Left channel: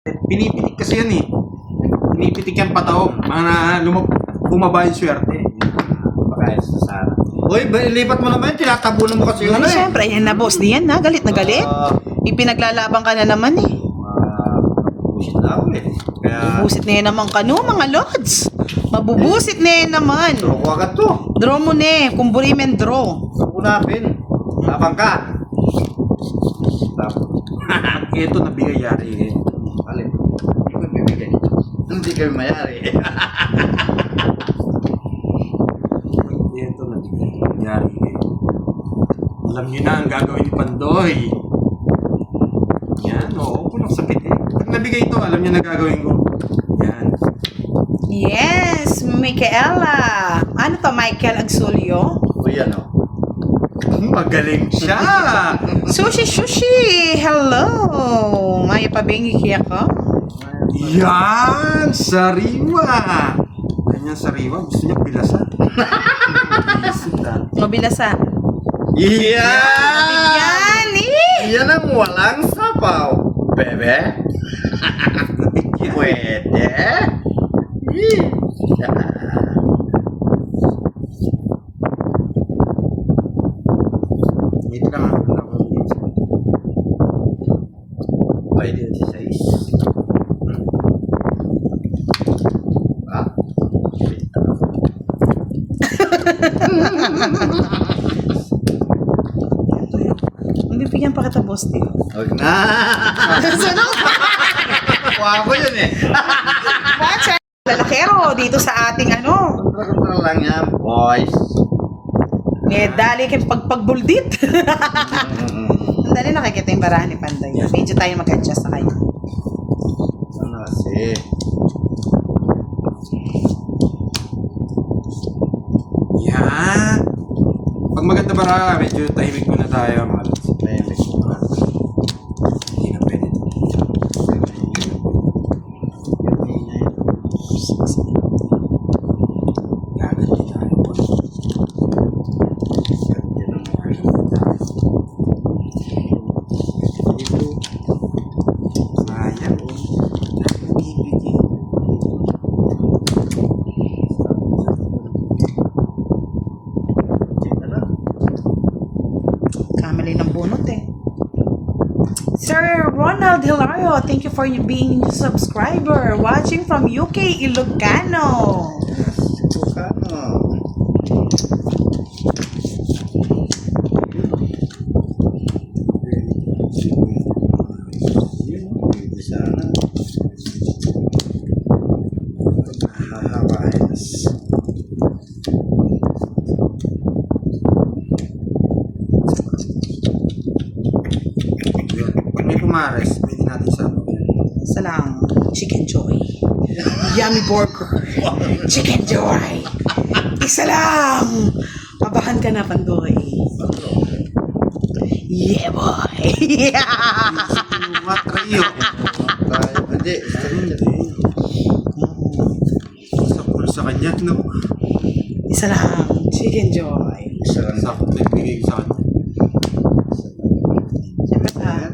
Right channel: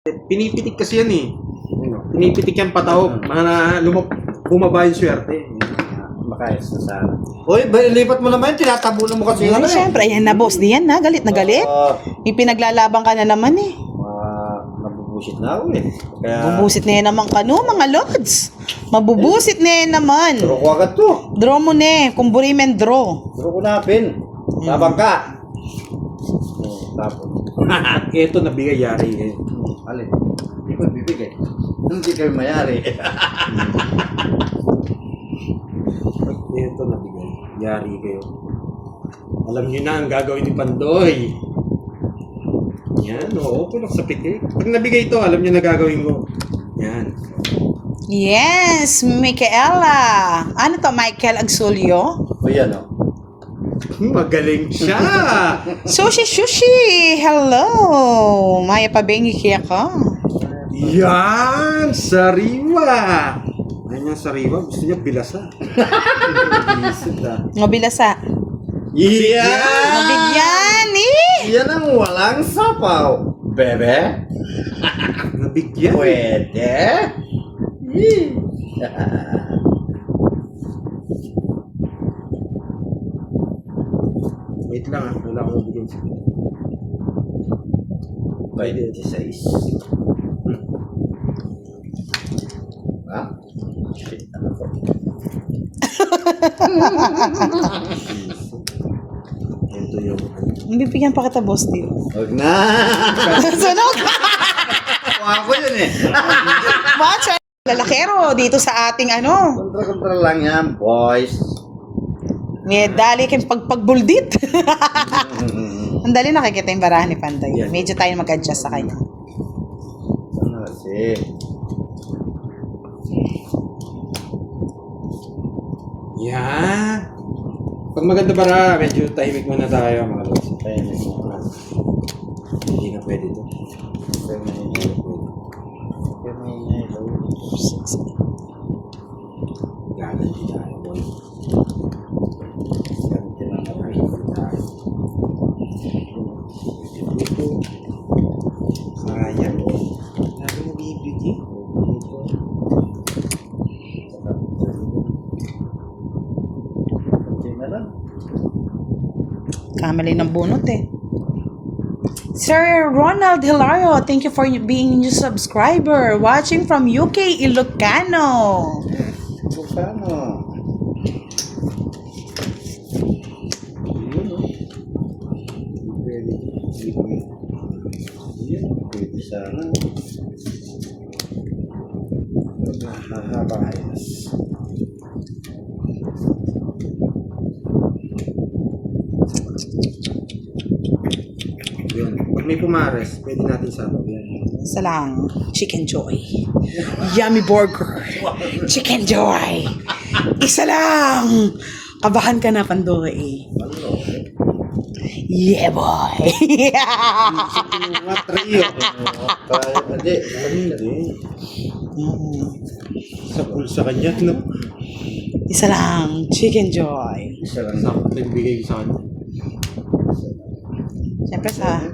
Pinipitik kasi yan eh. Pinipitik yan pataob. Mga bumaba yung swerte. Makayos na sana. Uy, lipat mo naman. Tinatabunan mo kasi Ay, syempre, ayan na boss. Diyan na, galit na galit. Ipinaglalaban ka na naman eh. Bullshit na ako eh. Kaya, Bubusit na yan naman kano, mga lods. Mabubusit na yan naman. turo ko agad to. Draw mo na eh, kumburi men draw. Turo ko na, Ben. Labang ka. Tapos, Ito nabigay yari eh. alin? Hindi ko bibigay. Hindi kayo mayari. Ito nabigay yari kayo. Alam niyo na ang gagawin ni Pandoy. Yan, oo. Punak sakit eh. Pag nabigay ito, alam niyo na gagawin ko. Yan. Yes, Micaela. Ano to, Michael Agsulio? O yan o. Magaling siya. Sushi! Hello! Maya pabengi kaya ka. Yan! Sariwa! Yan yung sariwa. Gusto niya bilasan. Bisit ah. Mabilasa. Iyan! Mabigyan eh! Yan ang walang sapaw. Bebe? Nabigyan. Pwede? Ih. Wait lang ah. Wala akong nabigyan. Pwede 16. Ha? Shit. Ito yung... Bibigyan pa kita, boss, di. Huwag na. Sunog! Kuha ko yun eh. Watch lalakero dito sa ating ano. Kontra-kontra lang yan, boys. May dali kayong pagpagbuldit. Ang dali nakikita yung barahan ni Panday. Medyo tayo mag-adjust sa kanya. Sana kasi. Yan! Pag maganda bara, medyo tahimik muna tayo. Mga lods. Tahimik muna. Hindi na pwede ito. Gagal din tayo. Sayang oh. Sayang bibigyan. Kamali ng bunot eh. Sir Ronald Hilario, thank you for being a subscriber. Watching from UK, Ilocano. Bukano. Pwede sana. Mahabayas. Pag may pumares, pwede natin sa Isa lang, Chicken Joy. Yummy burger. Chicken Joy. Isa lang. Kabahan ka na, Pandoy. Yeah, boy. mga trio. Hindi. Sa pool sa kanya, no? Isa lang, Chicken Joy. Isa lang Sa nagbigay ko sa kanya. Siyempre pag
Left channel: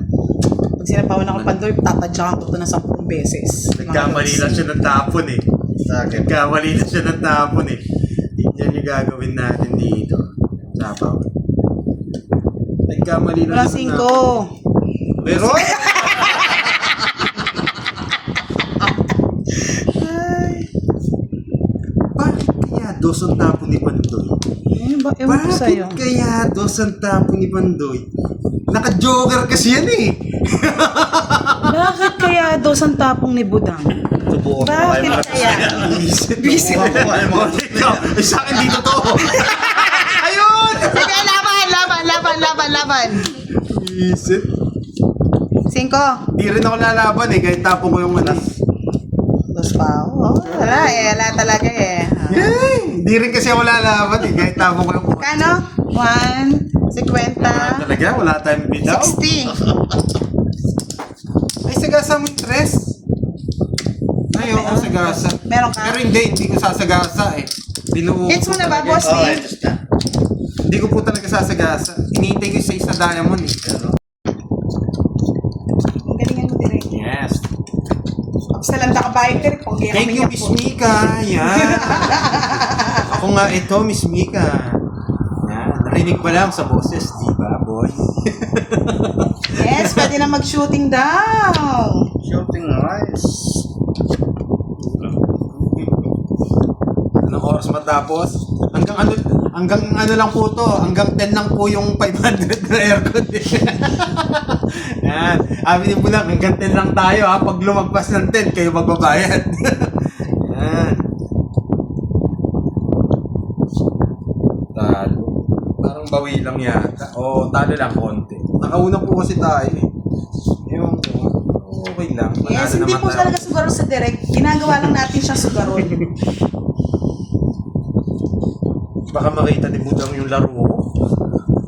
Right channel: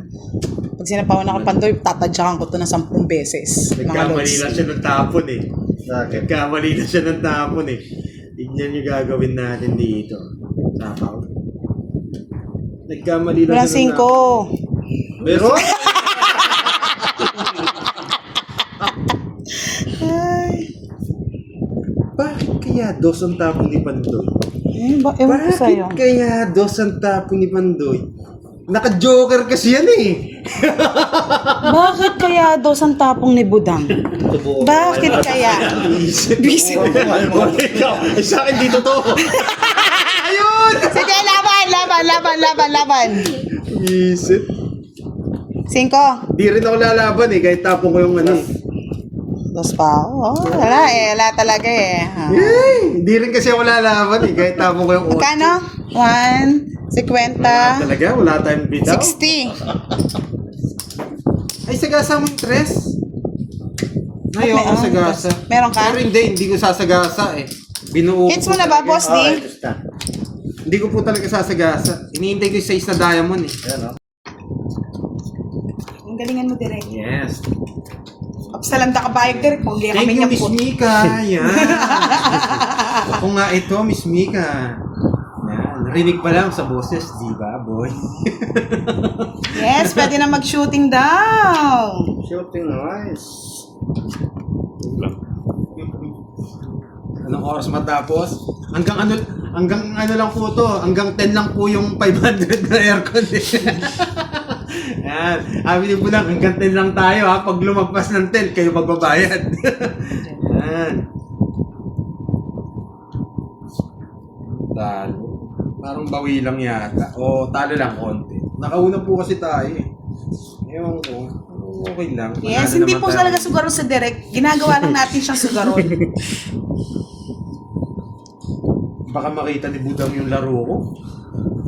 sinapawan ako Pandoy, tatadyakan ko to na 10 beses. Nagkamali na siya ng tapon eh. sa akin. Nagkamali na siya ng tapon eh. Tignan yung gagawin natin dito. Tapaw. Nagkamali na Walang siya ng 5. Pero, Bakit kaya dos ang tapon ni Pandoy? Ewan ko sa'yo. Bakit kaya dos ang tapon ni Pandoy? Naka-joker kasi yan eh. Bakit kaya dos ang tapong ni Budang? tubukan Bakit kaya? Busy. Eh, sa akin dito to. Ayun! Sige, laban. Isip. 5. Di rin ako lalaban eh, kahit tapon ko yung ano eh. Dos pa. Oh, wala talaga eh. Yay! Di rin kasi ako lalaban eh, kahit tapon ko yung otso. Magkano? 1, 50, Talaga, wala tayong bitaw. 60. Ay, sagasa mo yung tres. Ayaw ako sagasa. Meron ka? Pero hindi ko sasagasa eh. Binuo Hits ko mo na ba, talaga. boss Oh, D? ito na. Hindi ko po talaga sasagasa. Iniintay ko yung size na diamond eh. Ayan, oh. Ang galingan mo direct. Yes. Sa landa ka bayag ka rin. Thank you, Miss Mika. Yan. Ako nga ito, Miss Mika. Yan. Narinig pa lang sa boses, di ba, boy? Yes, pwede na mag-shooting daw. Shooting rice. Anong oras matapos? Hanggang ano lang po to, hanggang 10 lang po yung 500 na aircon. Yan. Sabi ni Bulang, hanggang 10 lang tayo ha. Pag lumagpas ng 10, kayo magbabayad. Yan. Talo. Parang bawi lang yata. O, talo lang konti. Nakauna po kasi tayo eh. Ewan ko. Okay lang. Yes, Manalo hindi naman po tayo. talaga sugaron sa direct. Ginagawa lang natin siyang sugaron. Baka makita ni Budang yung laro ko.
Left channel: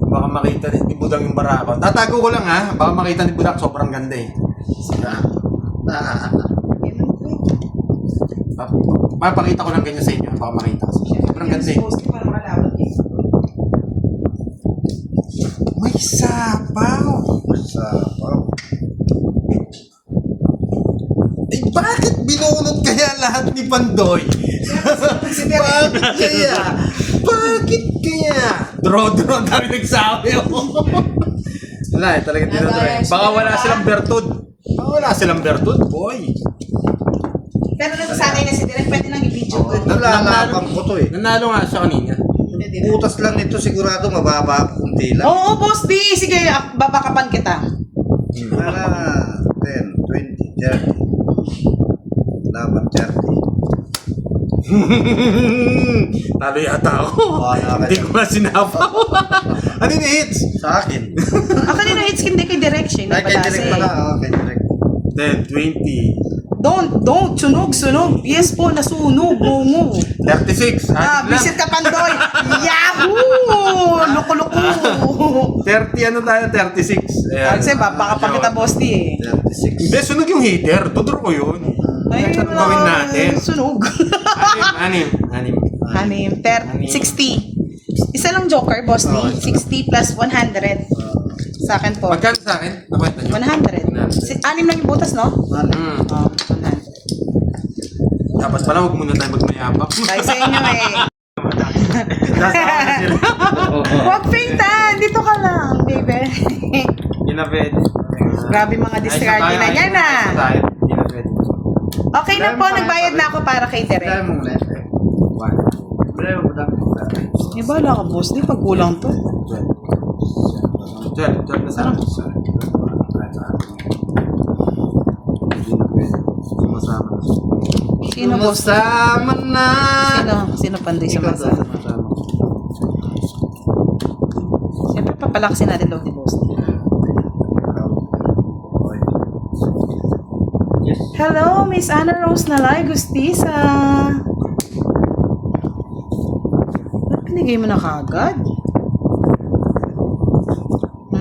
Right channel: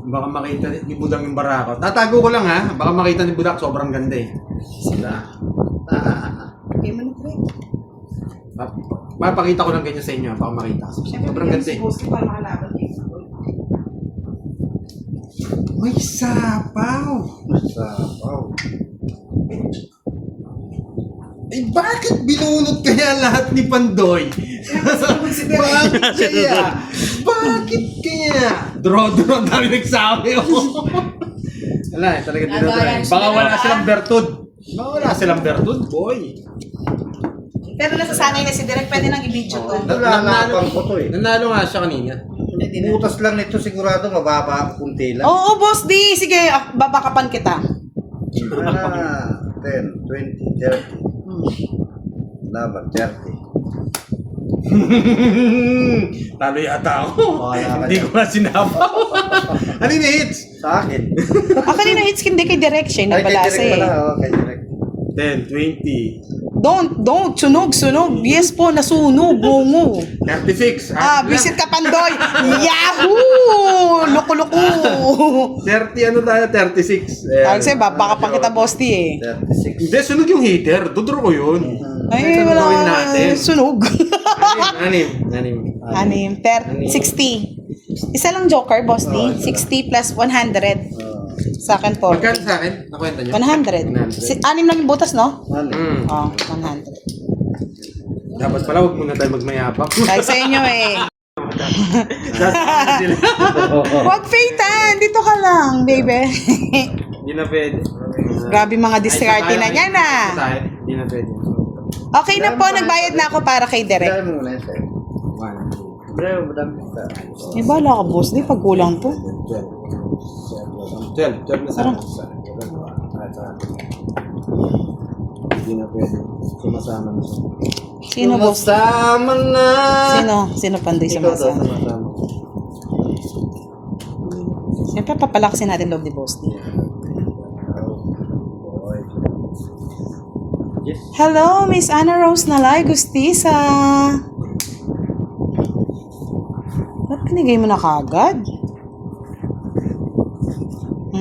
Baka makita ni Budang yung barako. Tatago ko lang ha. Baka makita ni Budang sobrang ganda eh. Papakita ko lang ganyan sa inyo. Baka makita kasi. Sobrang ganda eh. May sapaw. Sabaw. Eh bakit binunod kaya lahat ni Pandoy? Bakit kaya? Bakit kaya? Draw-draw ang dami nagsabi oh. Wala eh, talaga dinodry. Baka wala silang bertud. Baka wala silang bertud, boy. Pero nasasanay na si Direk, pwede nang i-video ko. Nalalapan ko to eh. Nanalo nga siya kanina. Butas lang nito sigurado mababa, kunti lang. Oo, Boss D. Sige, babakapan kita. Para 10, 20, 30. Laban 30. Talo yata ako. Wala ka Hindi dyan. ko nga sinapaw. Ano yung hits? Sa akin. Kanina hits hindi kay Direk siya. Ay, kay Nagbalasa direct pala. eh. Kay direct. 10, 20, Don't. Sunog. Yes po, nasunog. Gungo. 36. Visit ka, Pandoy. Yahoo! Loko-loko. 30 ano tayo? 36. Kasi babakapan kita, Boss D eh. 36. Hindi, sunog yung heater. Tudro ko yun. Ay, Ano wala. gawin natin? Sunog. Anim. 60. Isa lang joker, Boss D. 60 plus 100. Sa akin po. Magkano sa akin? Nakwenta niyo? 100. Anim lang yung butas, no? Mm. Oh, 100. Dapat pala huwag muna tayo magmayabak. Dahil sa inyo eh. Huwag faintan. Dito ka lang, baby. Hindi na pwede. Grabe mga diskarte na yan ah. Hindi na pwede. Okay na po, nagbayad na ako para kay Bilay Derek. mo muna ito. Bilay mo dami kita. Eh, bala ka, Boss D. Pag kulang to. 12 na sa akin. Hindi na pwede. Hindi masama na. Sino, Boss? Masama na. Sino Pandoy sa Ikaw masa? daw, masama. Siyempre, papalakasin natin loob ni Boss D. Okay. Yes. Hello, Miss Ana Rose Nalay Gustisa. Ba't pinigay mo na kagad?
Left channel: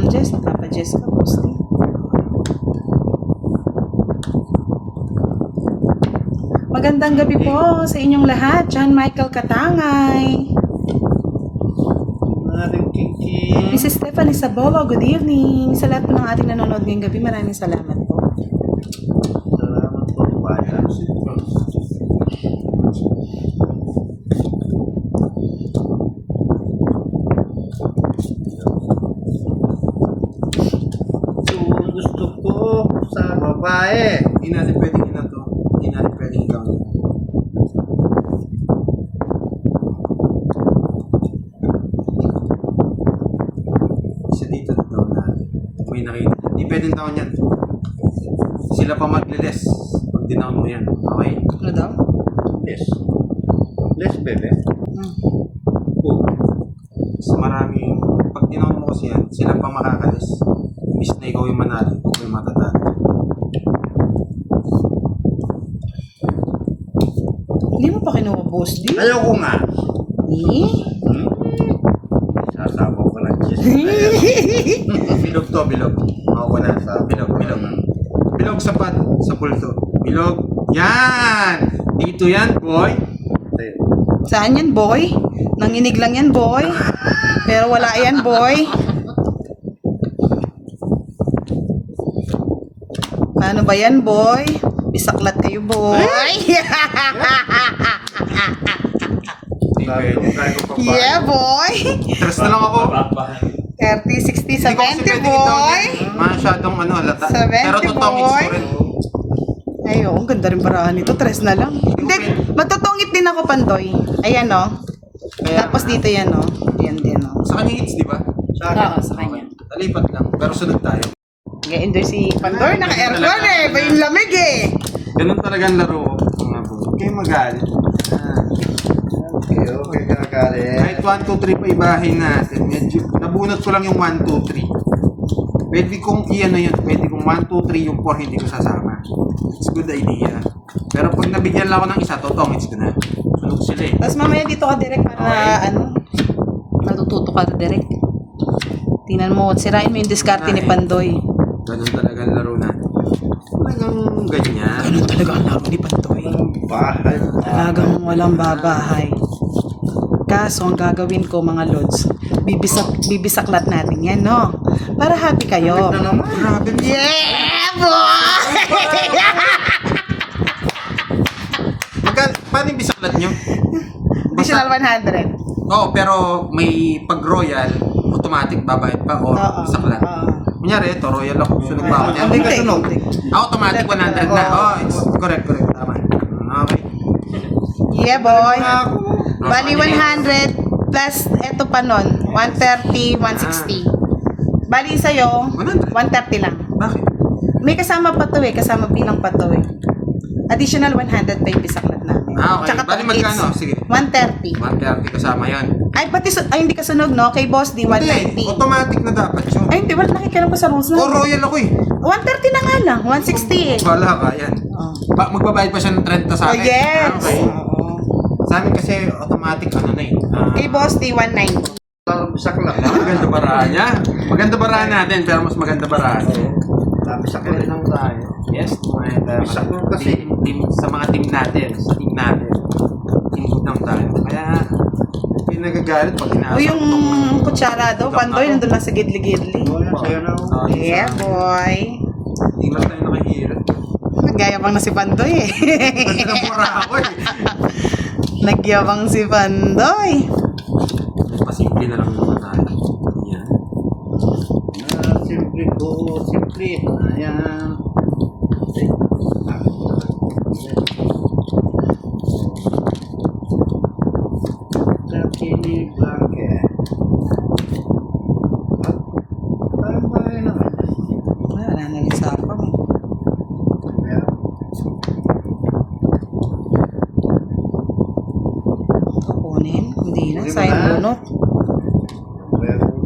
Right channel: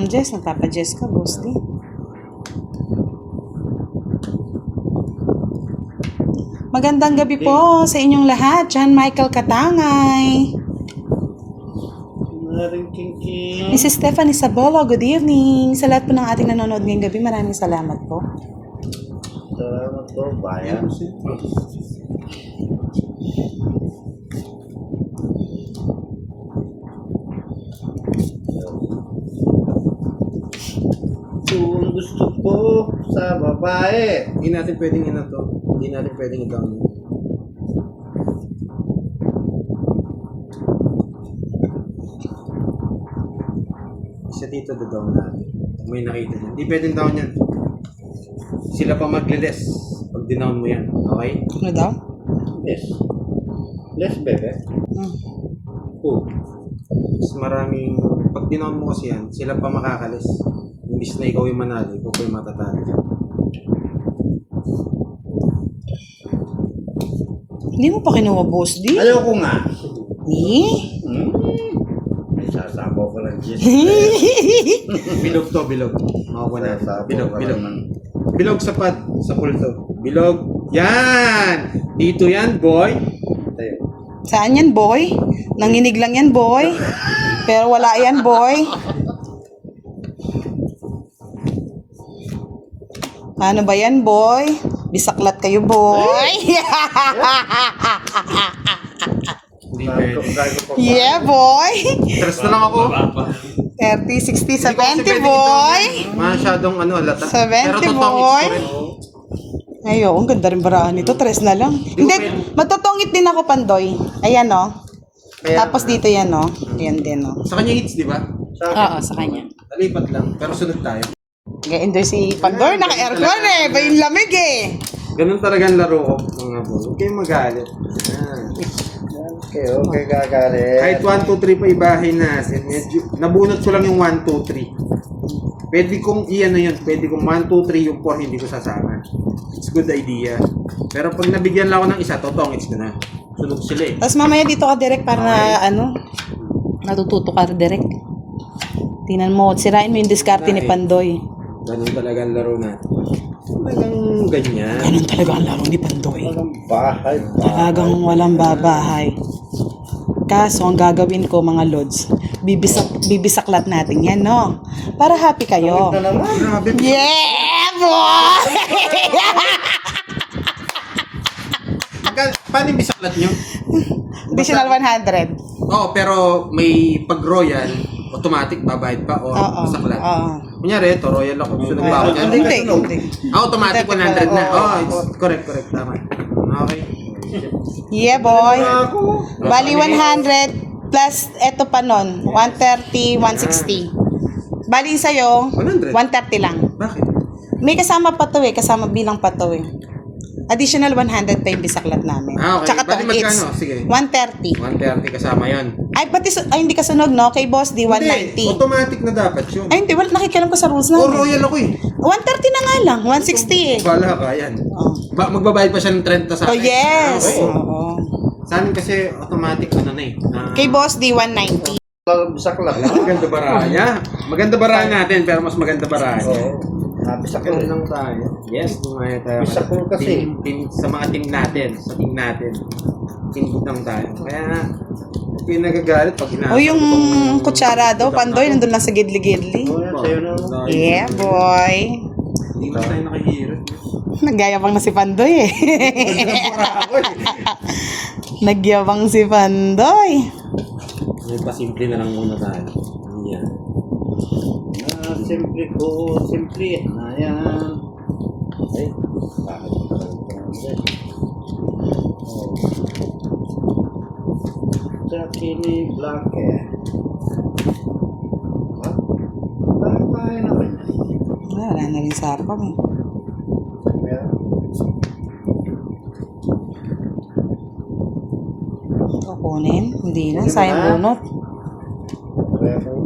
Jess, nagpapa-Jess ka, Boss D. Magandang gabi po sa inyong lahat. John Michael Katangay. Maring king. Mrs. Stephanie Sabolo, good evening. Sa lahat po ng ating nanonood ngayong gabi, maraming salamat po. Salamat po, bayan. Kung gusto ko sa babae. Hindi natin pwedeng ina to. Hindi natin pwedeng ikaw. Isa dito na daw natin. May nakita. Hindi pwedeng daw yan. Sila pa magliles. Pag dinaon mo yan. Okay? Ano daw? Yes. Less bebe. Oo. Mas maraming, pag dinaon mo kasi yan, sila pa makakalis. Imbis na ikaw yung manalo, ikaw yung matatalo. Hindi mo pa kinuha, Boss D? Ayoko nga. Eh? Sasabaw ka lang. Bilog to, bilog. Ako na. Bilog. Bilog sa pad, sa pulto. Bilog. Yan! Dito yan, boy. Saan yan, boy? Nanginig lang yan, boy. Pero wala yan, boy. Ano ba yan, boy? Bisaklat kayo, boy. Sabi ko pa. Yeah, boy. Stress na lang ako. 30, 60, Hindi ko kasi 70, pwede boy. ito. Masyadong halata. 70, Pero totoong boy. it's correct. Ayo, ang ganda rin baraan nito. 3 na lang. Hindi, matutungit din ako, Pandoy. Ayan, no? Tapos dito yan, no? Yan din, no? Sa kanya hits, di ba? Oo, sa kanya. Talipat lang. Pero sunod tayo. Nag-enjoy si Pandoy. Naka-aircon eh. Ba yung lamig eh. Ganun talagang laro ko. Mga boy. Huwag kayong magalit. Okay, gagalit. Kahit 1, 2, 3 pa ibahin natin. Medyo, nabunot ko lang yung 1, 2, 3. Pwede kong i-ano yun. Pwede kong 1, 2, 3 yung 4 hindi ko sasama. It's good idea. Pero pag nabigyan lang ako ng isa, totongits ko na. Sunog sila eh. Tapos mamaya dito ka direct para matututo ka direct. Tingnan mo, sirain mo yung diskarte ni Pandoy. Ganun talaga ang laro natin. Talagang ganyan. Ganun talaga ang laro ni Pandoy. Bahay. Talagang walang babahay. Kaso, ang gagawin ko mga lods, bibisaklat natin yan, no? Para happy kayo. Ito naman. Grabe. Yeah, boy! Paano yung bisaklat nyo? Additional 100. Oo, pero may pag-royal, automatic babayad pa o bisaklat. Kunyari, ito, royal ako. Sunog ba ako dyan? Hindi ka sunog. Automatic 100 na. Oh, it's correct. Tama. Okay. Yeah, boy. Bali 100 plus eto pa nun, 130, 160. Bali sa'yo, 100. 130 lang. Bakit? May kasama pa to eh, kasama bilang pa to eh. Additional 100 pa yung bisaklat namin. Ah, okay. Tsaka Bali tong magkano? hits. Sige. 130. 130 kasama yan. Ay, pati, ay hindi ka sunog, no? Kay Boss D, Hindi, 190. automatic na dapat yun. Ay, hindi, wala, nakikialam pa sa rules Oh, na. royal ako eh. 130 na nga lang, 160 eh. Bala ka, yan. Oh, Magbabayad pa siya ng 30 sa oh akin. yes. Okay. Oo. Sa amin kasi automatic ano na eh. Kay Boss D, 190. Bisaklat. Maganda baraan niya. Maganda baraan natin, pero mas maganda baraan. Oo. Bisaklat. Lang tayo. Yes, tumaya tayo. Bisaklat kasi. Team, sa mga team natin, sa team natin. Team good lang tayo. Kaya, yung nagagalit pag hinasa. O yung kutsara daw, Pandoy, nandun lang sa gidli-gidli. Oo, sa'yo na. Yeah, boy. Hindi man tayo nakahirap. Nagyayabang na si Pandoy eh. Nagpura ako eh. Nagyabang si Pandoy. May pasimple na lang naman tayo. Yan. Simple ko, simple. Ayan. Okay. Kini blanket. Bye-bye naman. Wala na rin sapang eh. Meron. Kukunin, hindi na, Hindi sayang ba? bunot. Meron.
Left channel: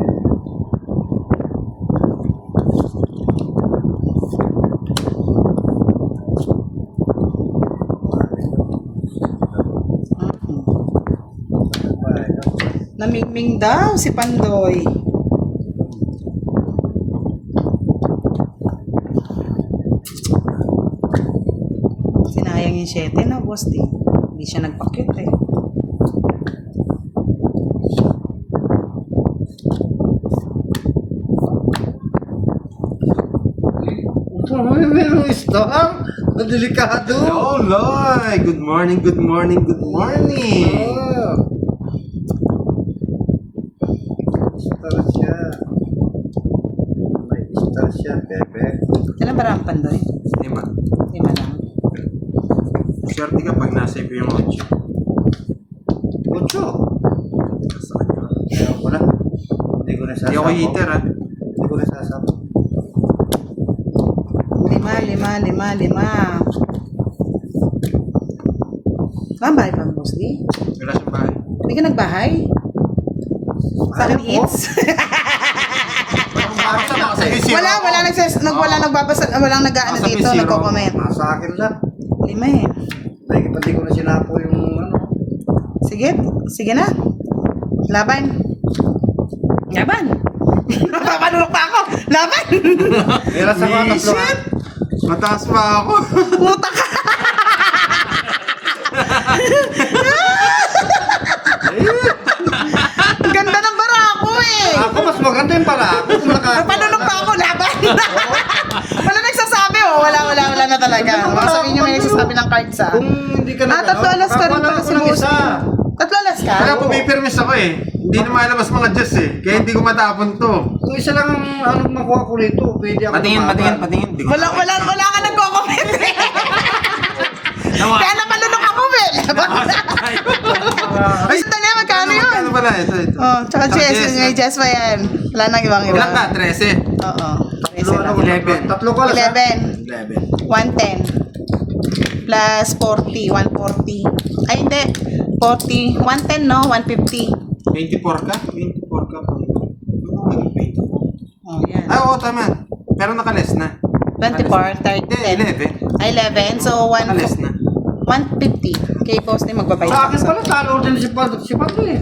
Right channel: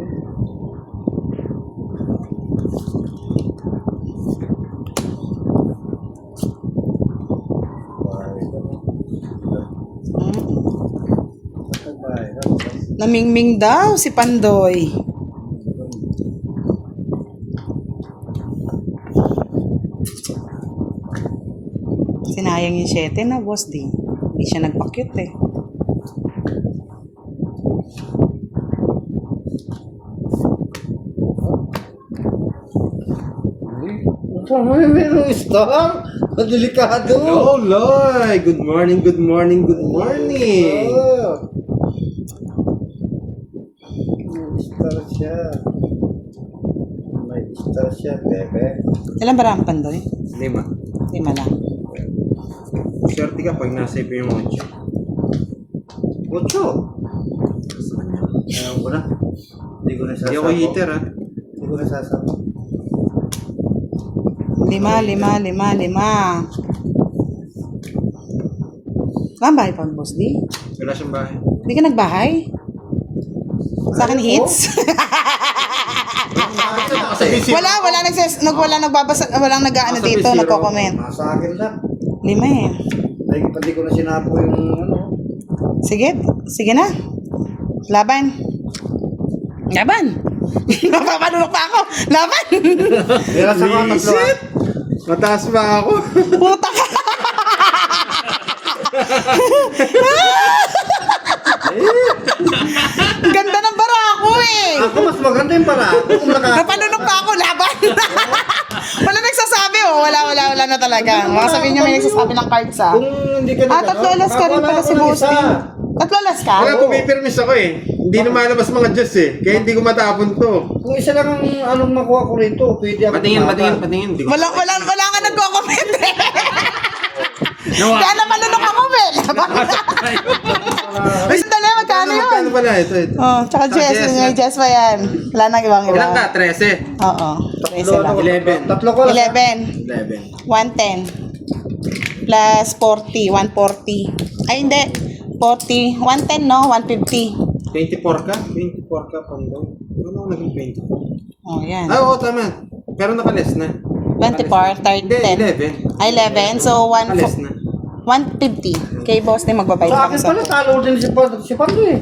Namingming daw si Pandoy. Sinayang yung 7 na, boss din. Hindi siya nagpa-cute eh. Meron star. Delikado. Hello, Loy! Good morning, good morning, good morning! Oh. Star siya. May star siya, bebe. Ilan ba ang Pandoy? Lima. 5 lang. Swerte ka pag nasa iyo yung 8. Ocho. Ayaw ko na. Hindi ko Hindi nasasama. ako heater ha. Hindi ko nasasama. 5. Saan bahay pa, boss di? Wala siyang bahay. Hindi ka nagbahay? Sa akin hits? Walang nag-aano dito, nagko-comment. Sa akin lang. 5 eh. Hindi ko na sinapo yung ano. Sige na. Laban. Papanulok pa ako. Laban. Kaya sa mga tatlo. Shit! Mataas pa ako. Puta ka. Ganda ng bara ako eh. Ako mas maganda yung para. Ako kung Papanulok pa ako. Laban. Wala nagsasabi oh. Wala na talaga. teka. Baka sabihin niyo may nagsasabi ng cards ah. Kung hindi ka na Tatlo alas ka rin pala si Bosti. Tatlo alas ka? Kaya pumipirmis ako eh. Hindi na malabas mga Diyos eh. Kaya hindi ko matapon to. Kung isa lang ang anong makuha ko rito, pwede ako Patingin. Hindi ko- Wala ka nagko-comment eh. Kaya namalunok ako, Ben. Ay, sandali, magkano yun? Ano pala? Ito. Oh, tsaka Jess, may Jess pa yan. Wala nang ibang iba. Ilan ka? 13. Oo, 13 lang. 11. Tatlo ko lang. 11, 11. 110. Plus 40, 140. Ay, hindi. 40, 110 no? 150. 24 ka? 24 ka po. Ano naging 24? Oh, yan. Ah, oo, tama. Pero nakaless na. 24, 30, Hindi, 10. Ay, 11. So, Nakaless na. 150. Kay boss din magbabayad Sa ako akin pala, talo din si Pando eh.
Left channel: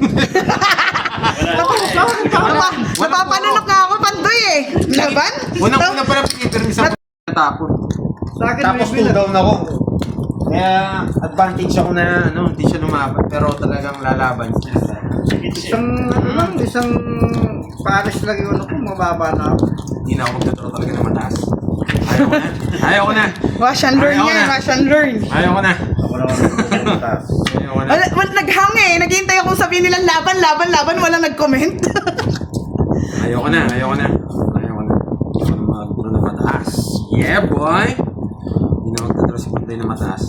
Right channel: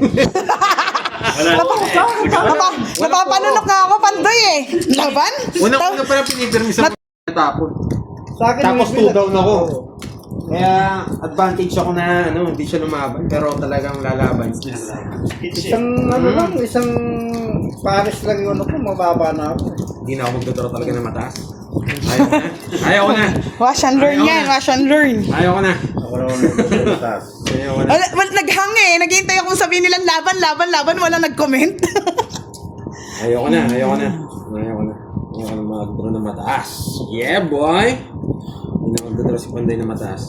Napapanunok nga ako, Pandoy eh. Laban? Unang-una pala pinipirmis ako. Natapon. Sa akin, Tapos may 2 down ako. Kaya advantage ako na hindi siya lumaban. Pero talagang lalaban niya. Isang Paris lang yung ano ko, mababa na ako. Hindi na ako magdodoro talaga ng mataas. Ayaw ko na. Wash and learn Ayaw yan, na. wash and learn. Ayaw ko na. Ako naman yung taas. Ayaw ko na. Naghang eh. Naghihintay akong sabihin nilang laban. Wala nag-comment. Ayaw ko na. Ayaw ko na. Hindi ko na magdodoro ng mataas. Yeah, boy! Hindi na magdodoro si Panday ng mataas.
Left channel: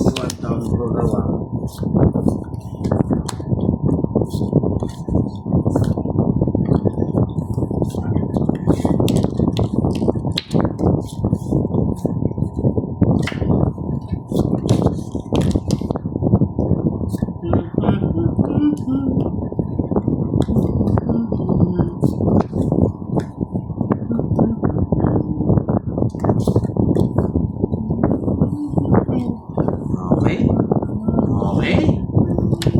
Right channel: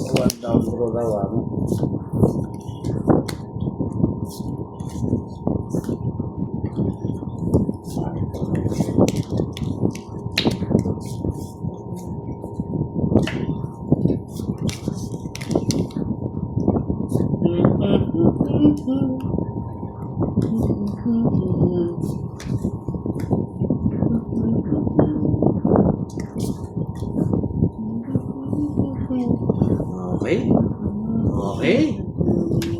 Okay.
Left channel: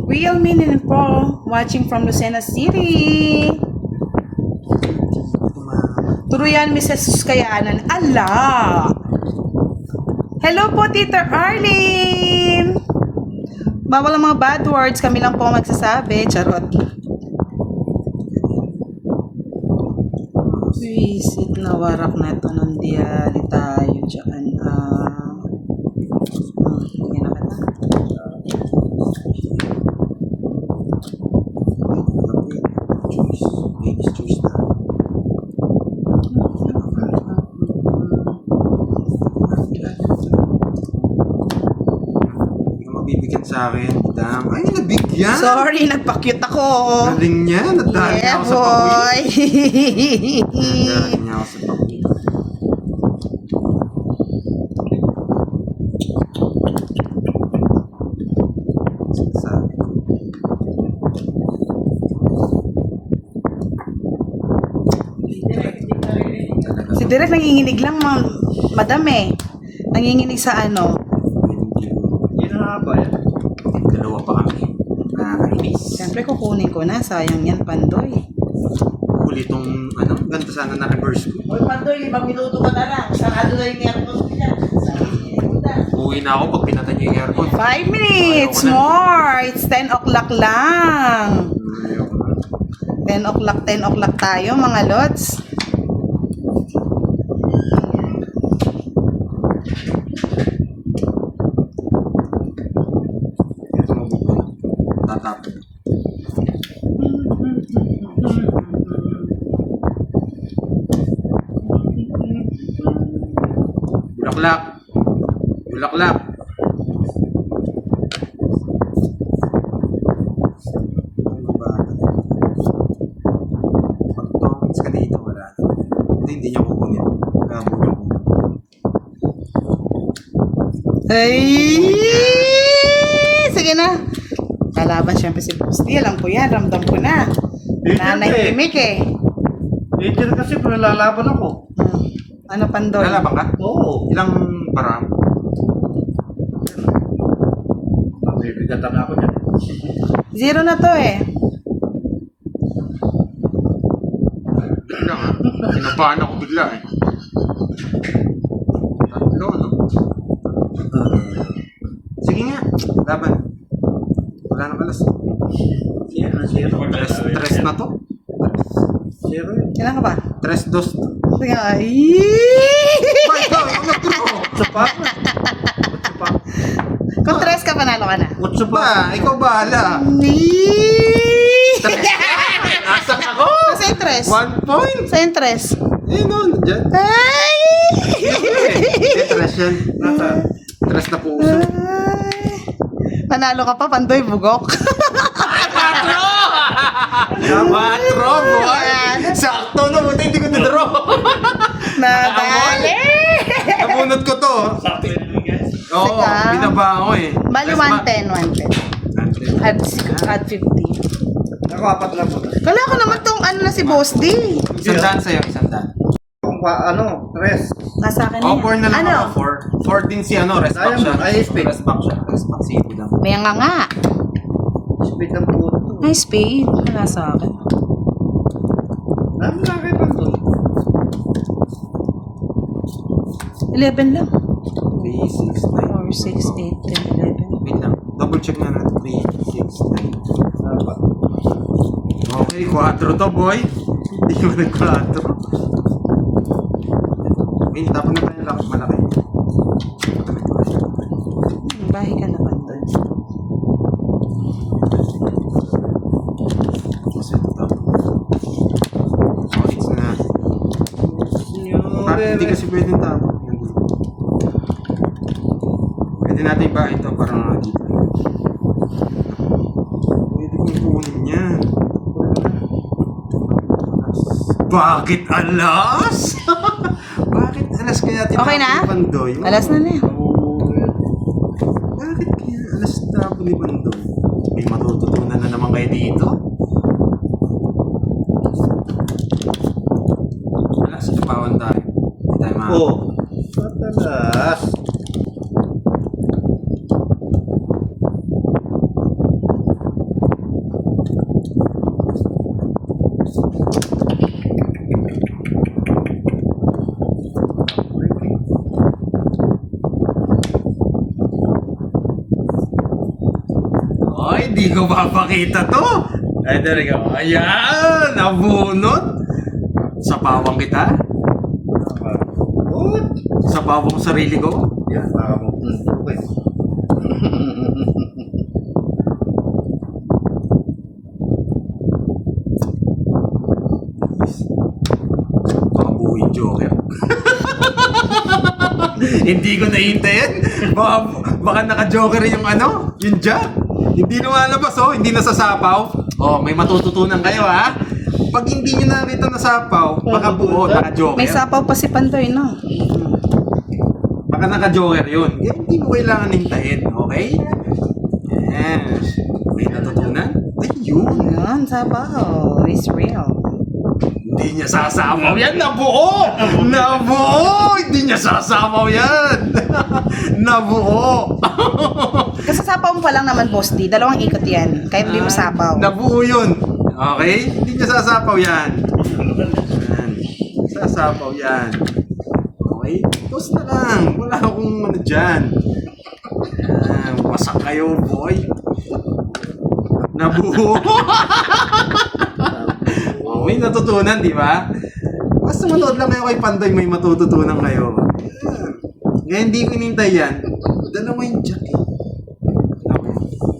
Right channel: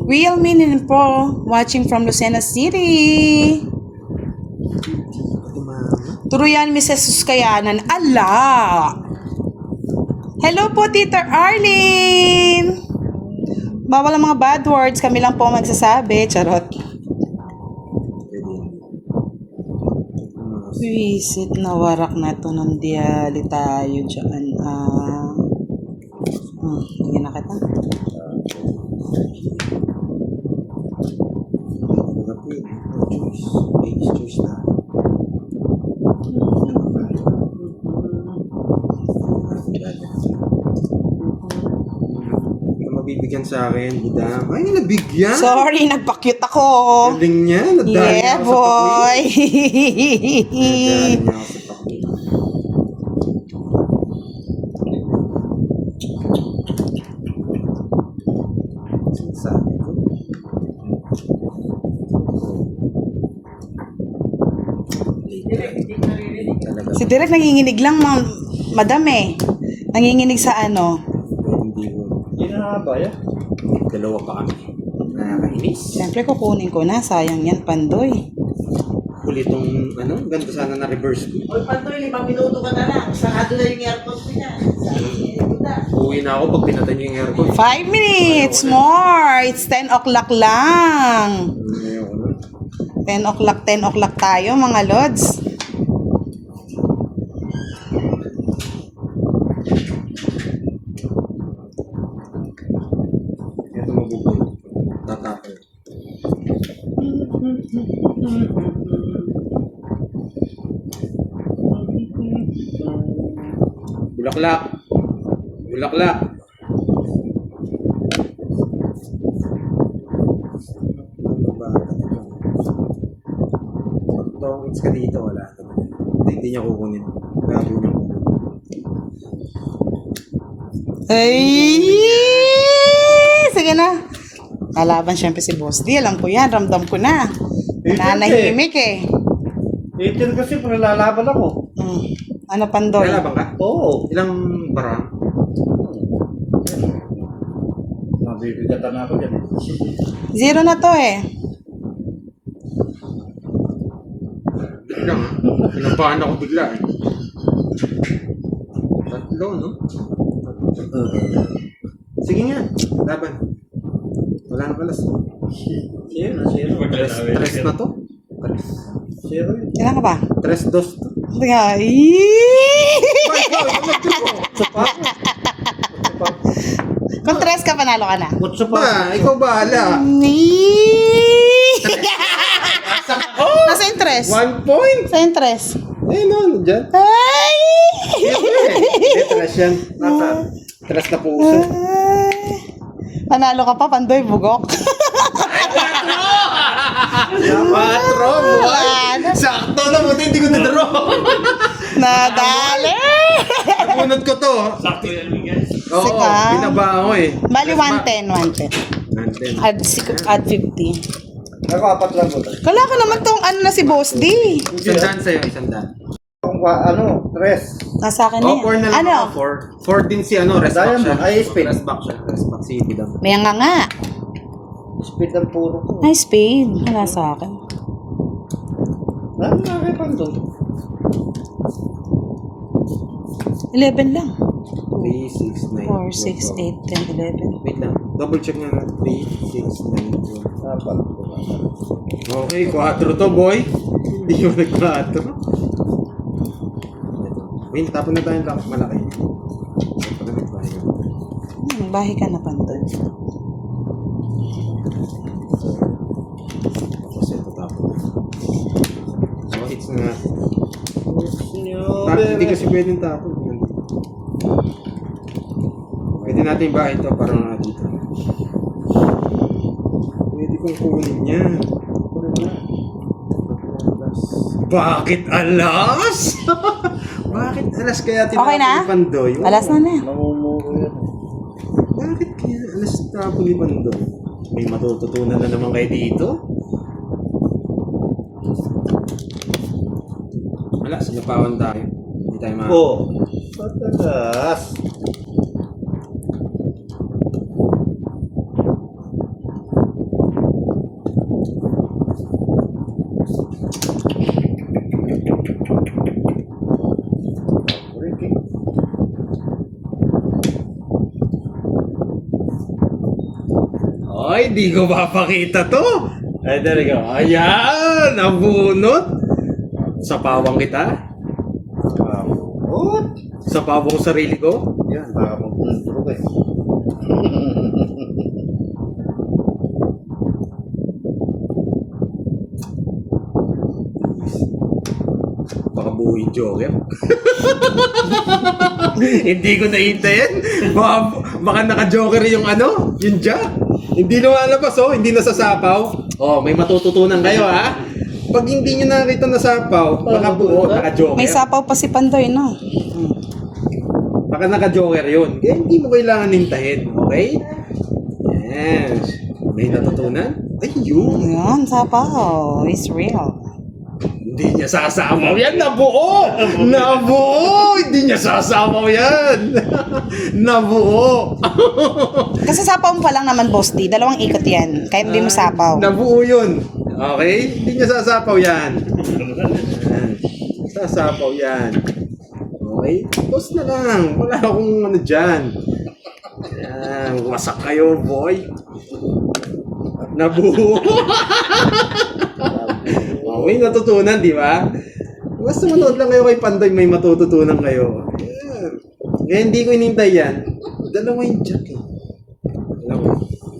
Real Minin Pro, watching from Lucena City. Turuyan, Mrs. Suskayanan. Ala! Hello po, Tita Arlene! Bawal ang mga bad words. Kami lang po ang magsasabi. Charot. Visit na warak na to ng diali tayo dyan. Hindi na kita. Choice na. Hindi ka mabibigyan sa akin, Dam. Ay, nabigyan! Sorry, nagpa-cute ako. Galing niya, nadali Yeah, ako sa pakuwi. boy. Nadali niya ako sa pakuwi. Sinasabi ko. Talaga. Si Derek nanginginig lang, madam eh. Nanginginig sa ano. Hindi ko. Yan ang haba yan. Dalawa pa kami. Nakakainis. Siyempre kukunin ko na. Sayang yan, Pandoy. Huli itong, ganda sana na reverse ko. Oy, Pandoy, 5 minuto ka na lang. Sarado na yung aircon niya. Uwi na ako pag pinatay niyo yung aircon. 5 minutes more. It's 10 o'clock lang. Ayoko na. 10 o'clock tayo, mga lods. Ito mabubulog. Tatapon. Bulaklak. Bulaklak. Ano ba? Pag tongits ka dito, wala. Hindi niya kukunin. Kaya kukunin. Ay! Sige na. Lalaban siyempre si Boss D. Alam ko yan. Ramdam ko na. Nanahimik eh. Ito kasi lalaban ako. Ano, Pandoy? Lalaban ka? Oo. Ilang parang? Mabibigatan ako dyan. 0 na to eh. Bigla nga. Kinabahan ako bigla eh. Tatlo, no? Sige nga. Laban. Wala na pala. Tres na to? Zero. Ilan ka ba? 3-2. Sige. Ay, ikaw, ako. Sa pa. Kung 3 ka, panalo ka na. Kutso pa. Ba, ikaw bahala. Asak ako! Nasa yung 3? 1 point! Sa yung 3? Eh, no, dyan. Ay! Tres yan. Tres na puso. Panalo ka pa, Pandoy, bugok. Patro, boy! Sakto na, buti hindi ko na-draw. Nadali! Napunod ko to. Oo, Sika. binaba ako eh. Bali 110, 110. Add 50. Ako, apat lang mo. Kala ko naman tong ano na si Boss D. Isandaan sa'yo, isandaan. Tres. Nasa akin Oh, yan. 4 na lang Ano? ako. 4 din si ano, rest back siya. Diamond, ay, spade. Rest back siya. Rest back si Budang. May nga. Speed ng puro to. Ay, spade. Wala sa akin. Dami na kayo pa to. 11 lang. 3, 6, 9. 4, 6, 8, 10, 11. Wait lang. Double check nga na. 3, 6, 9. Apat. Okay, 4 to, boy. Hindi mo nag-4. Wait, tapon na tayo ng lakot malaki. Bahay ka na, Pandoy. So, it's na. Hindi kasi pwedeng tapon. Pwede natin ba ito para nga dito. Pwede kong kunin niya. Bakit alas? Bakit alas kaya Okay na? ni Pandoy? Alas na na. Bakit kaya alas tapon ni Pandoy? May matututunan na naman kayo dito? Wala, sinapawan tayo. Hindi tayo mga... Oh. Matalas. Ay, di ko mapakita to. Ay, there you go. Ayan, nabunot. Sa pawang kita. What? Sa pawang sarili ko. Yan, baka mapunto ko eh. Baka buhay joker. Hindi ko nahintayin. Baka naka-joker yung ano, yung jack. Hindi lumalabas oh, hindi nasasapaw. Oh, may matututunan kayo ha. Pag hindi nyo nakita nasapaw, baka buo, naka-joker. May sapaw pa si Pandoy, no? Baka naka-joker yun. Kaya hindi mo kailangan hintayin, okay? Yes. May natutunan? Ayun. Yan, sapaw. It's real. Hindi niya sasapaw yan. Nabuo! Nabuo! Hindi niya sasapaw yan. Nabuo. Kasi sapaw mo pa lang naman, Boss D. 2 ikot yan. Kaya hindi mo sapaw. Nabuo yun. Okay? Hindi niya sasapaw yan. Yan. Sasapaw yan. Okay? Toss na lang. Wala akong ano dyan. Yan. Wasak kayo, boy. Nabuo. Okay, natutunan, di ba? Basta manood lang kayo kay Pandoy, may matututunan kayo. Yan. Kaya hindi ko inintay yan. Dalawa yung jack eh.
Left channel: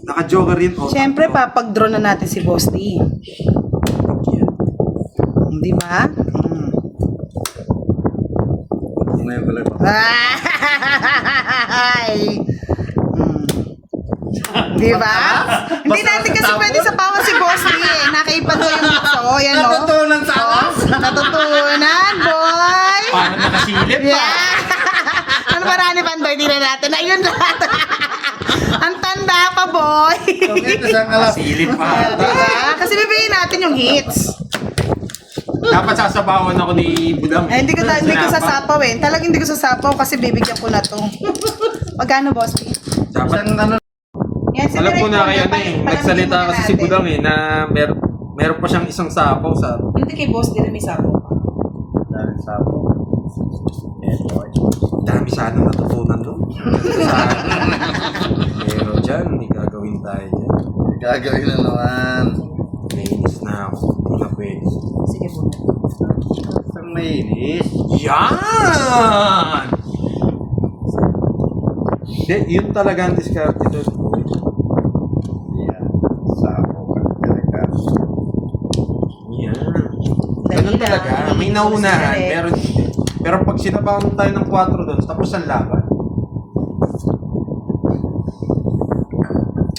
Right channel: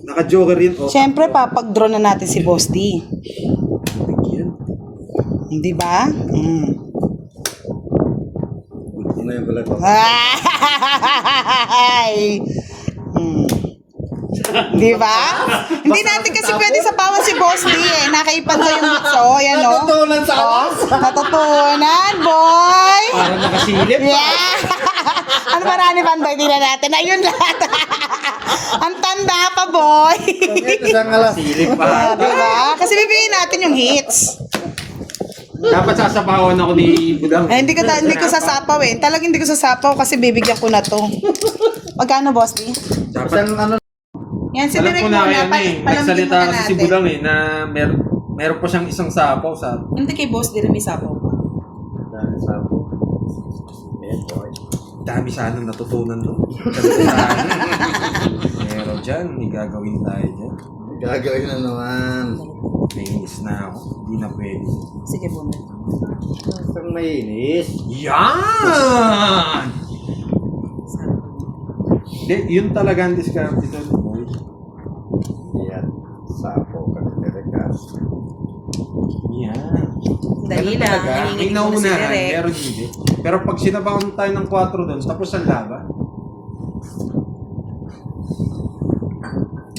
Naka-joker yun. Oh, Siyempre, papag-draw na natin si Boss D. yan. Di ba? Ngayon pala ko. Ay! Di ba? Hindi natin kasi pwede sa pawan si Boss D eh. Nakaipan ko yung bitso. Yan o. Natutunan sa alas. Natutunan, boy! Parang nakasilip. Yeah! Ano ba Rani Pandoy? Tingnan natin. Ayun lahat. Ang tanda pa, boy! Ito sa ngalas. Silip pa. Di ba? Kasi bibigyan natin yung hits. Dapat sasabawan ako ni Budang. Eh, hindi ko sasapaw eh. Talagang hindi ko sasapaw kasi bibigyan ko na to. Magkano, Boss D? Dapat. Isang ano. Yan, si Alam ko na Direk yan muna. eh. Palamigin Nagsalita muna kasi si natin. Budang eh na meron pa siyang isang sapaw sa... Hindi kay Boss D rin may sapaw. Dahil sa ako. Dami sana natutunan doon. Pero dyan, may gagawin tayo dyan. Gagawin na naman. Nainis na ako. Hindi na pwede. Sige po. Isang mainis. Yan! Hindi, yun talaga ang diskarte doon. Yan. Sabo. Kalikas. Yan. Dali Ganun talaga. lang, May nalilito naunahan, si Direk. meron dito. Pero pag sinabawan tayo ng 4 doon, tapos ang laban.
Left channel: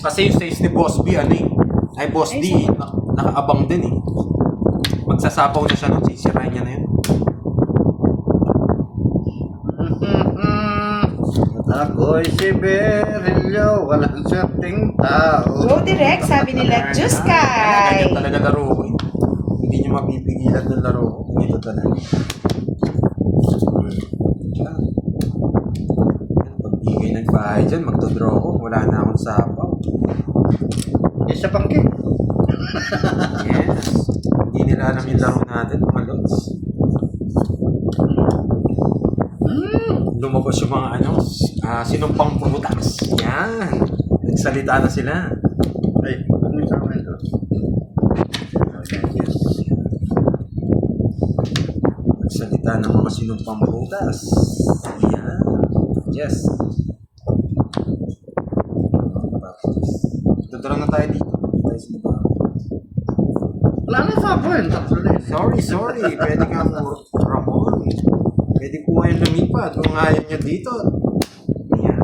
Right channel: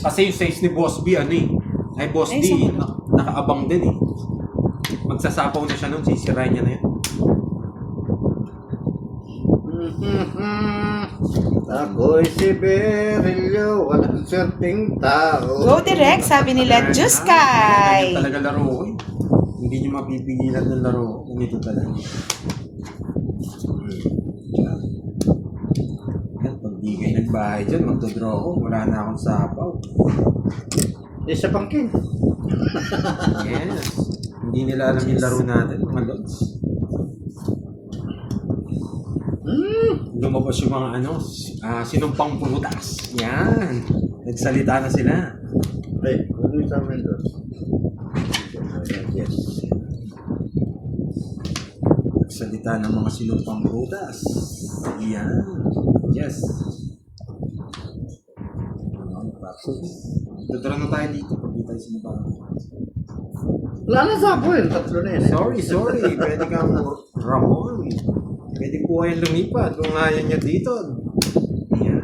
Kasi yung size ni Boss B, ano eh. Ay, Boss D, nakaabang din eh. Magsasapaw na siya nun, sisirain niya na yun. Ako'y si Berilio, walang swerteng tao. Go direct, sabi nila, Diyos kay. Ganyan talaga laro ko eh. Hindi niyo mapipigilan ng laro ko. Ganito talaga. Yan, pag di kayo nagbahay dyan, magdodraw ko. Wala na akong sapaw. Isa pang king. Yes. Hindi nila alam yung laro natin, mga lods. Lumabas yung mga ano, sinumpang pumutas. Yan. Nagsalita na sila. Ay, huwag mo sa amin ito. Yes. Nagsalita ng mga sinumpang pumutas. Yan. Yes. Tuturo na tayo dito. Dito tayo sinumpang. Wala na sabo yun. Tatlo na yun. Sorry. Pwede kang Ramon. Pwede po kayo lumipat kung ayaw niya dito. Ayan.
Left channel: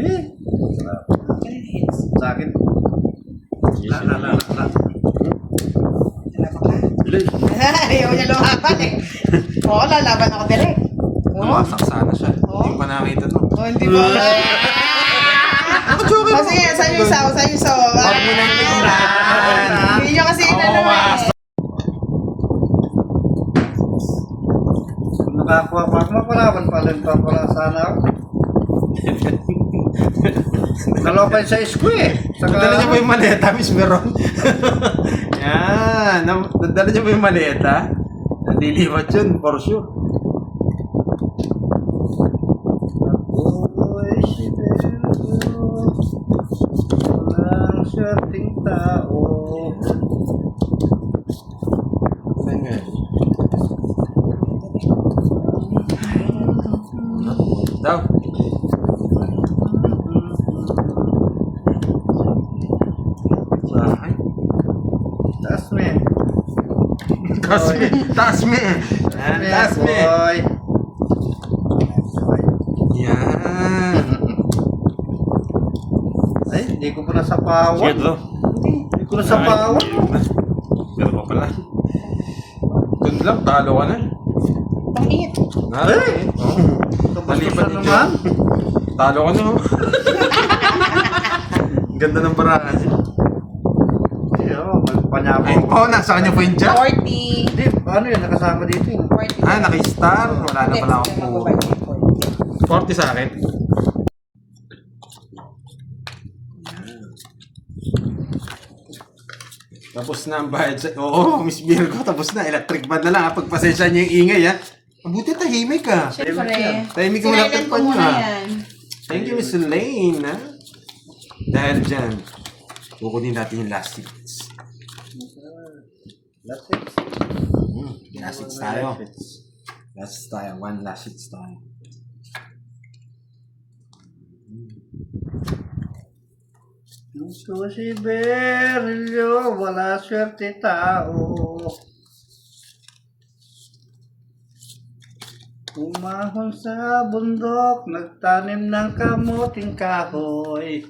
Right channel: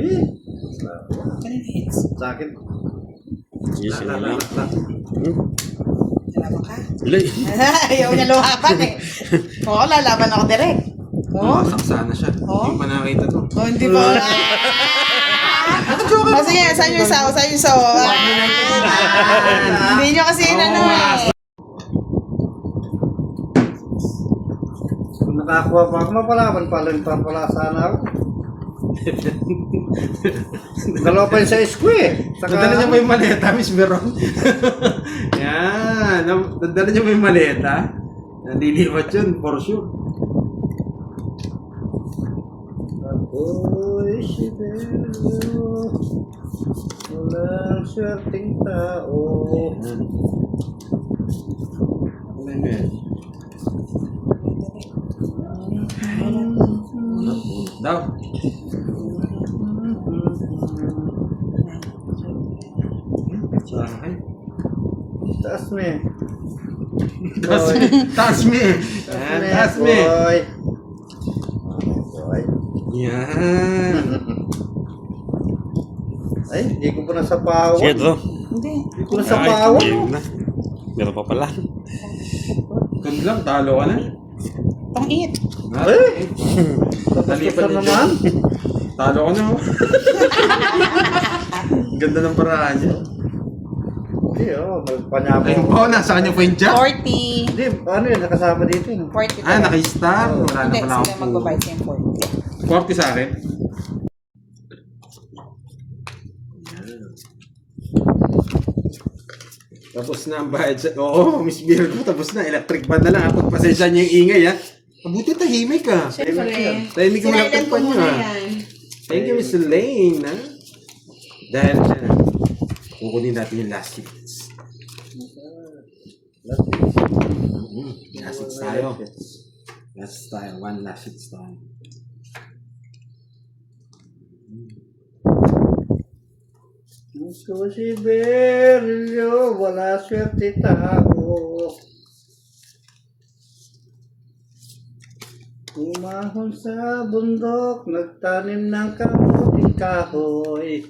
Eh. Sa akin. Yes, Na. Ilay. Ayaw niya luhapan eh. Oo, lalaban ako direct. Oo. Masaksa na siya. Oh? Hindi pa nakita to. Oh, hindi ba? Oh, sige, sa'yo yung sawa, sa'yo yung sawa. Hindi niyo kasi inano eh. Kung nakakuha pa ako, mapalaban pala yung papala sana ako. Dalawa pa yun sa isko eh. Nadala niya ba yung maleta, Miss Meron? Yan. Nadala niya ba yung maleta? Naliliwat yun, for sure. Ako'y si Berilio, walang swerteng tao. Daw. Bahay. Taas me. Taas me. Yan, taas me. Boy. Yan. Ay, hindi ko pa nasapawan. Sige bro. Hindi ko nasapawan. Meron pa pala. Yun lang, talo ka na. Pangit. Eh! Tapos Maliban na yun. naman. Talo ka na, oh. Ganda ng paraan niya. Hindi, oh, may panyabo. Ayun po, nasa kanya po yung jack. 40. Hindi, paano yun? Nakasama dito yun. 40. Ah, naka-star. Wala na Hindi, pala sige, akong magbabayad ng 40. 40 sa akin. Tapos na ang bayad sa... Oo, Miss Virgo, tapos na. Electric ban na lang. Pagpasensya niya yung ingay, ha? Mabuti tahimik ka. Siyempre. Tahimik mo lang Sinailan ko pa muna niya. yan. Thank you, Miss Lane, ha? Dahil dyan, kukunin natin yung last hits. Last hits tayo. Last hits tayo. One last hits tayo. Gusto si Berilio, wala swerte tao. Umahon sa bundok, nagtanim ng kamuting kahoy.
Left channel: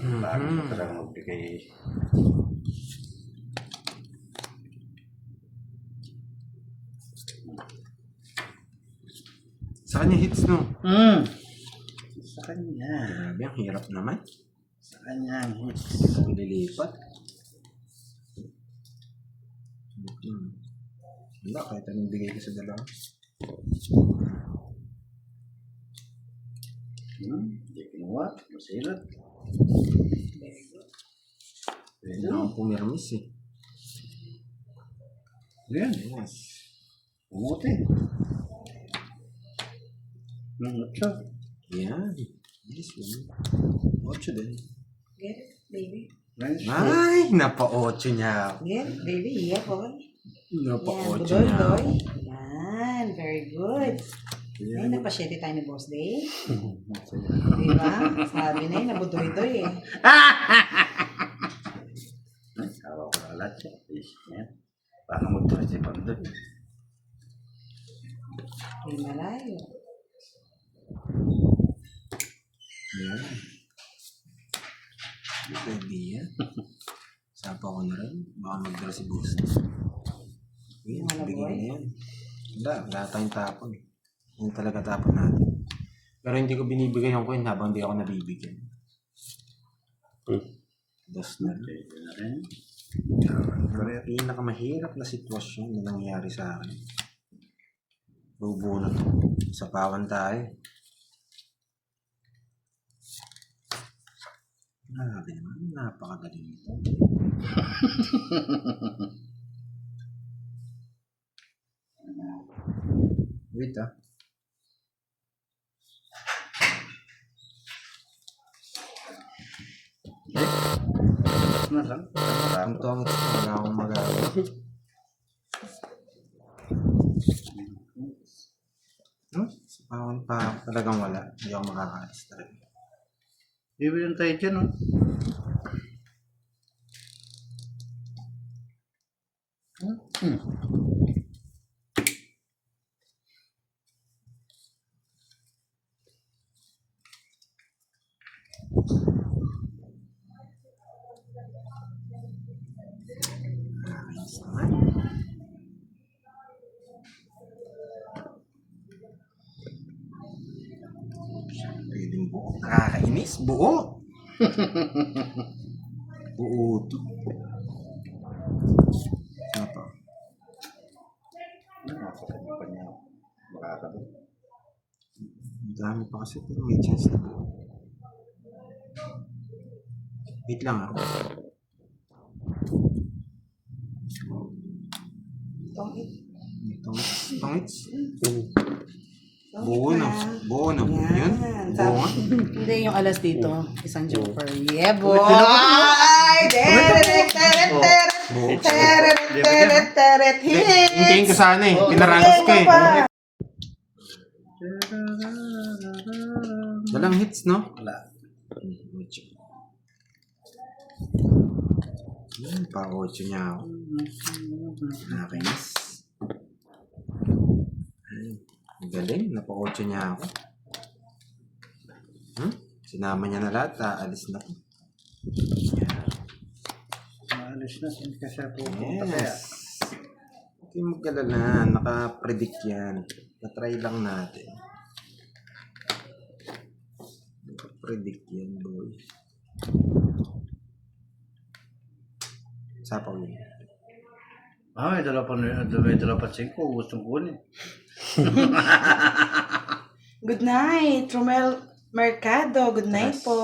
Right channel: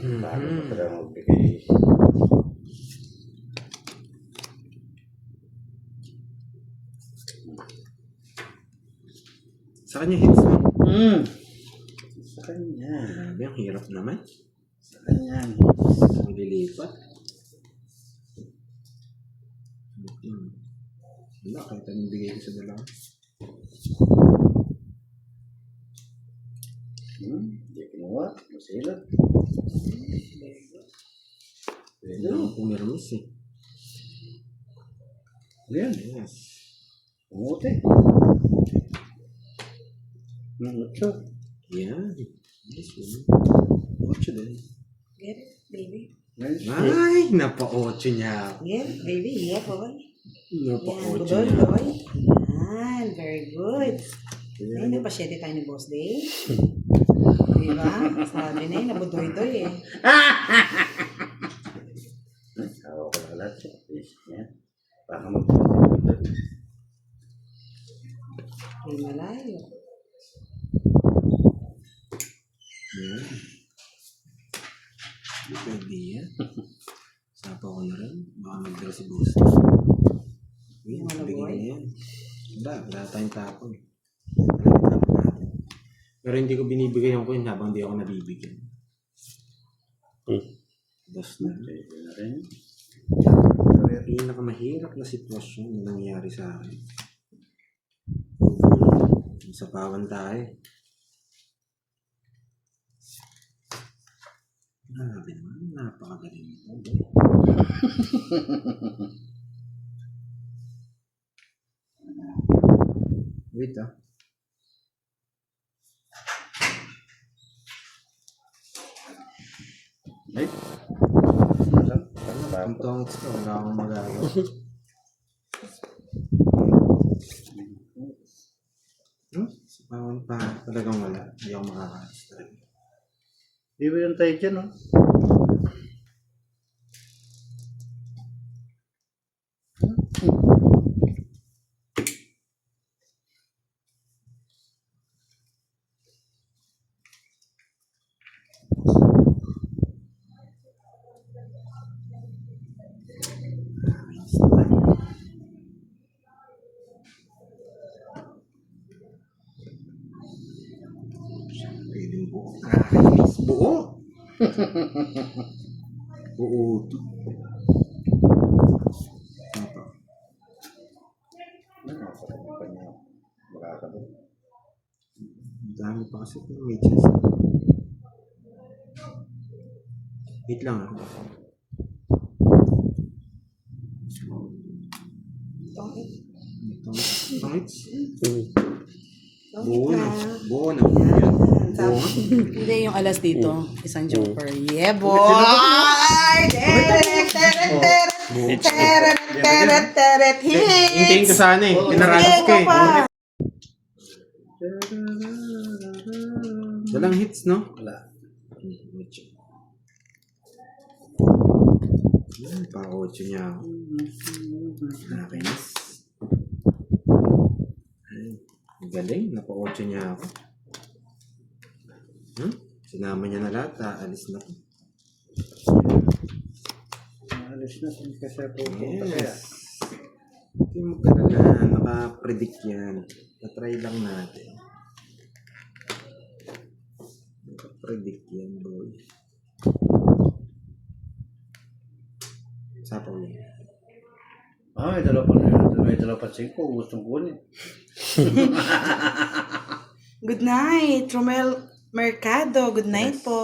Talagang magbigay. Sa kanya hits, no? Sa kanya. Grabe, ang hirap naman. Sa kanya. Maglilipat. Wala, kahit anong bigay ko sa dalawa. Hindi kinuha. Masilat. Pwede akong pumirmis, eh. Yan. Yes. Umuti. Mucho. Yan. Yes, yun. 8 din. Get it, baby. Nice. Ay, napa-8 niya. Get it, baby. Yeah, boy. Yan, Napakotse niya. budoy-doy. Yan, very good. Ay, napasyete tayo ni Boss Day. Diba? Sabi na yun, nabudoy-doy eh. Tawa ko lalat siya. Yan. Paano mag-segundo? Ay, malayo. Yan. Pwede yan. Sapa ko na rin. Baka mag-draw si Boss. Yan, Wala, bigyan boy. na yan. Wala tayong tapon. Yan talaga tapon natin. Pero hindi ko binibigay yung coin habang hindi ako nabibigyan. Dos na rin. Pwede na rin. Pero yung pinakamahirap na sitwasyon na nangyari sa akin. Bubulot. Sa pawan tayo. Grabe naman. Napakagaling ito. Wait ah. Masang. Ang tongit ko. Wala akong magagawa. Sa pawan pa talagang wala. Hindi ako makakaalis talaga. Iba yung tayo dyan, no? Pwedeng buo. Nakakainis. Buo. Buo ito. Ano pa? Ano pa niya? Makakabot. Ang dami pa kasi pero may chance na. Wait lang ah. Tongits. Buo na. Buo na. Yan. Buo nga. Hindi, yung alas dito. Isang joker. Yeah, boy! Teret! Hintayin ko Hits! sana eh. Pinaranas ko eh. Walang hits, no? Wala. Pa-8 niya ako. Nakakainis. Ang galing. Napa-8 niya ako. Sinama niya na lahat. Aalis na ko. Maalis na. Hindi ka siya pupunta kaya. Yes. Hindi mo kalala. Naka-predict yan. Na-try lang natin. Naka-predict yan, boy. Sapaw lang. May dala pa na yun. May dala pa 5. Gustong kunin. Good night, Romel Mercado. Good night po.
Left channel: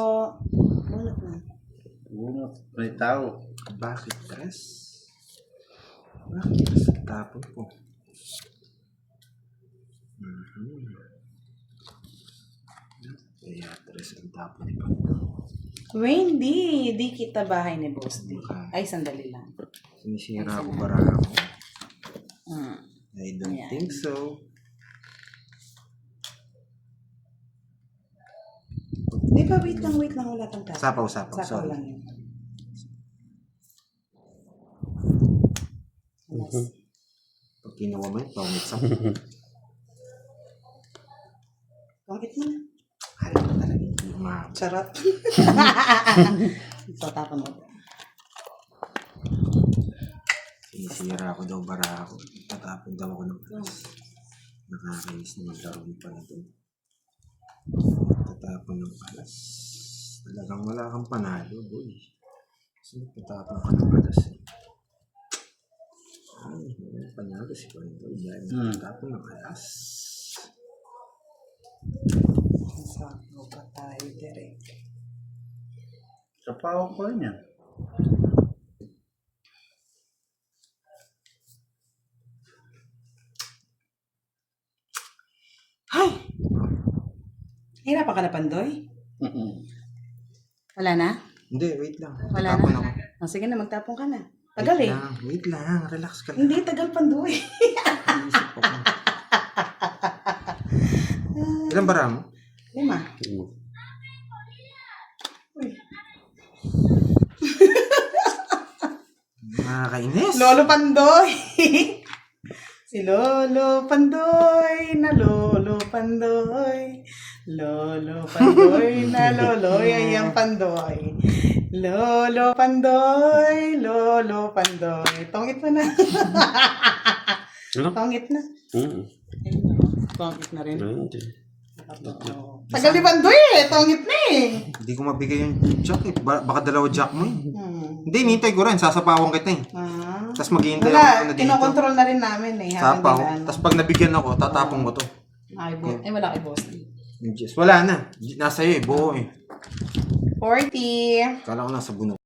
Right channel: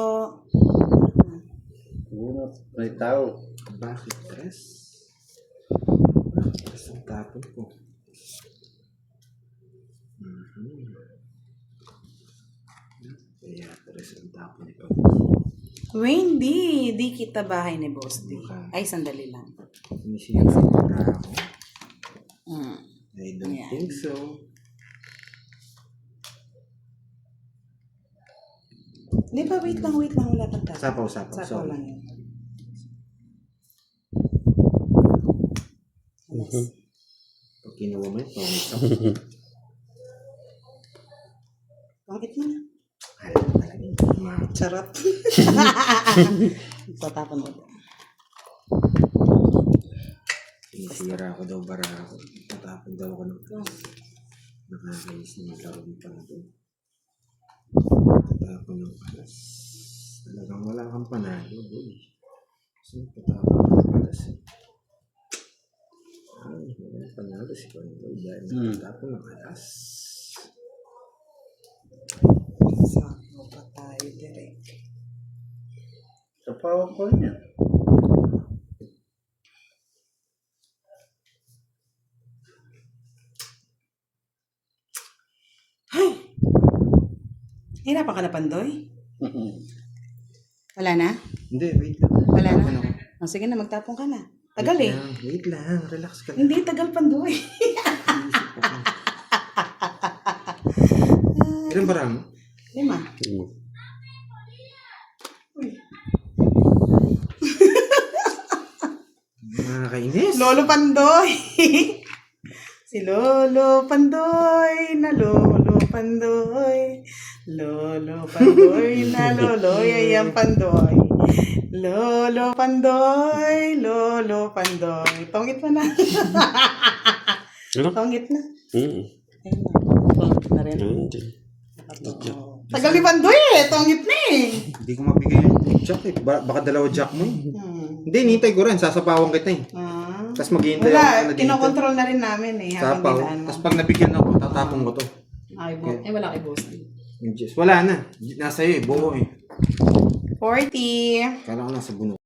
Bunot. May tao. Bakit tres? Bakit tres ang tapon ko? Kaya tres ang tapon ko. Wendy, di kita bahay ni Boss D. Ay, sandali lang. Sinisira ako para ako. I don't Ayan. think so. Di ba, wait lang. Wala pang tapos. Sapaw. Sapaw Sorry. lang yun. Pag kinuha mo yun, pangit sa Bakit mo na? Alam mo talaga yung mga Charot. Tatapon mo. sinisira ako daw bara ako. Natapon daw ako ng plus. Nakakainis na maglaro pa na doon. Tatapon ng palas. Talagang wala kang panalo, boy. Kasi tatapon ka ng palas eh. Ay, wala panalo si Pandoy dahil tatapon ng palas. Sakto pa tayo, direct. Sa pawang ko rin yan. Hirapan ka na, Pandoy? Wala na? Hindi, wait lang. Wala na? Tatapon ako. Oh, sige na, magtapon ka na. Tagal eh. Wait lang, relax ka lang. Hindi, tagal Pandoy. Ilan bara mo? 5. Nakakainis. Lolo Pandoy. Si Lolo Pandoy na Lolo Pandoy. Lolo Pandoy na Loloy ay ang Pandoy. Lolo Pandoy, Lolo Pandoy. Tongit mo na. Ano? Tongit na. Mm. Ayun na. Tongit na rin. Hindi. Tagal ni Pandoy eh. Tongit na eh. Hindi ko mabigay yung jack eh. Baka dalawa jack mo eh. Hmm. Hindi, nintay ko rin. Sasapawan kita eh. Ah. Tapos maghihintay Wala, ako dito. kinokontrol na rin namin eh. Habang Sapaw. dinaan. Tapos pag nabigyan ako, tatapong ko to. Ay, wala kay boss. Yung Diyos. Wala na. Nasa iyo eh. Buo eh. 40. Kala ko nasa bunot.